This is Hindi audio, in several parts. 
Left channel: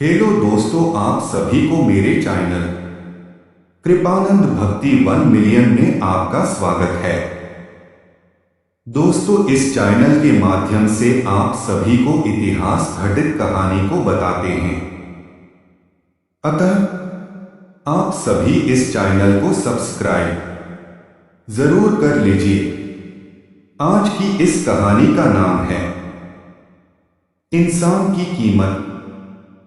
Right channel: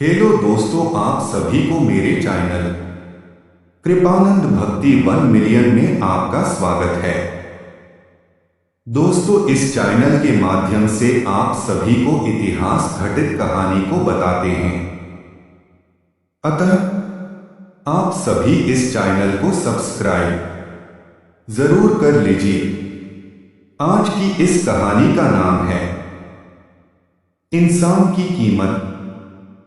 हेलो दोस्तों, आप सभी को मेरे चैनल कृपानंद भक्ति 1 मिलियन में आपका स्वागत है। दोस्तों, इस चैनल के माध्यम से आप सभी को इतिहास घटित कहानी को बताते हैं। अतः आप सभी इस चैनल को सब्सक्राइब जरूर कर लीजिए। आज की इस कहानी का नाम है इंसान की कीमत।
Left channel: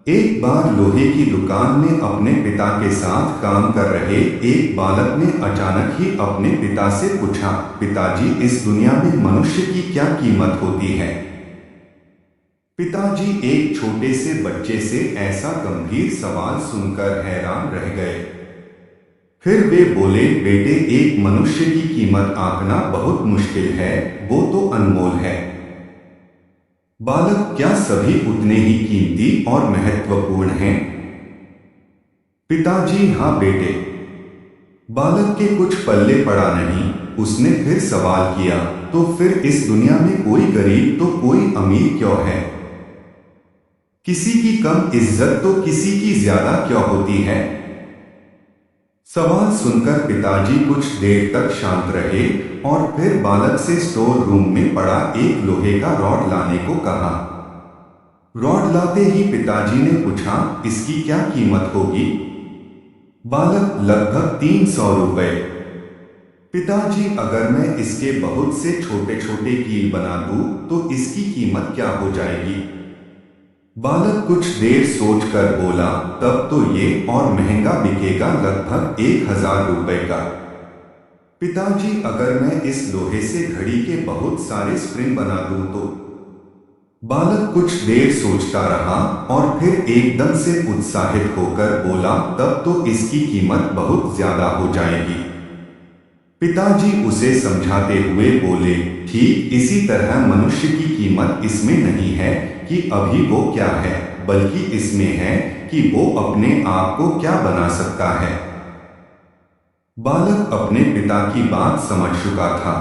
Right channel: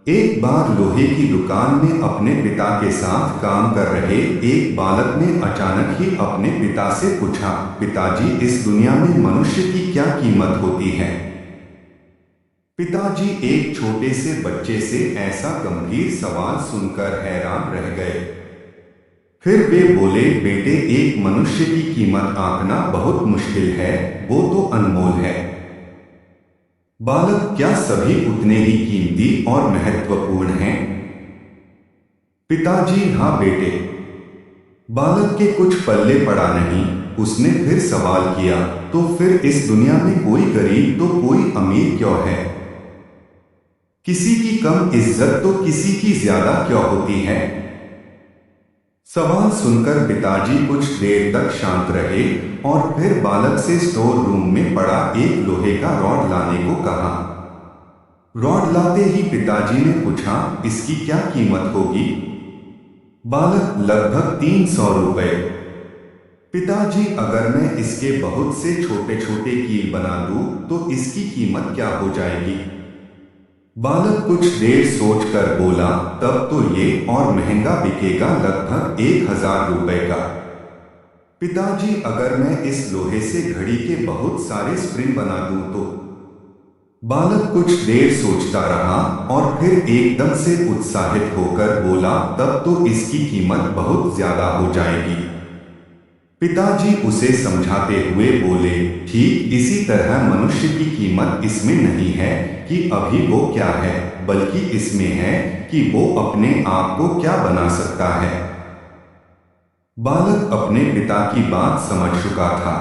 एक बार लोहे की दुकान में अपने पिता के साथ काम कर रहे एक बालक ने अचानक ही अपने पिता से पूछा, पिताजी, इस दुनिया में मनुष्य की क्या कीमत होती है? पिताजी एक छोटे से बच्चे से ऐसा गंभीर सवाल सुनकर हैरान रह गए। फिर वे बोले, बेटे, एक मनुष्य की कीमत आंकना बहुत मुश्किल है, वो तो अनमोल है। बालक, क्या सभी उतने ही कीमती और महत्वपूर्ण हैं? पिताजी, हाँ बेटे। बालक के कुछ पल्ले पड़ा नहीं। उसने फिर सवाल किया, तो फिर इस दुनिया में कोई गरीब तो कोई अमीर क्यों है? किसी की कम इज्जत तो किसी की ज्यादा क्यों होती है? सवाल सुनकर पिताजी कुछ देर तक शांत रहे और फिर बालक से स्टोर रूम में पड़ा एक लोहे का रॉड लाने को कहा। रॉड लाते ही पिताजी ने पूछा, इसकी क्या कीमत होगी? बालक, लगभग 300 रुपए। पिताजी, अगर मैं इसके बहुत से छोटे छोटे कील बना दूं तो इसकी कीमत क्या हो जाएगी? बालक कुछ देर सोचकर बोला, तब तो ये और महंगा बिकेगा, लगभग 1000 रुपए का। पिताजी, अगर मैं इस लोहे से घड़ी के बहुत सारे स्प्रिंग बना दूं तो? बालक कुछ देर सोचता रहा और फिर एकदम से उत्साहित होकर बोला, तब तो इसकी कीमत बहुत ज्यादा हो जाएगी। पिताजी उसे समझाते हुए बोले, ठीक इसी तरह मनुष्य की कीमत इसमें नहीं है कि अभी वो क्या है, बल्कि इसमें है कि वो अपने आप को क्या बना सकता है। बालक अपने पिता की बात समझ चुका था।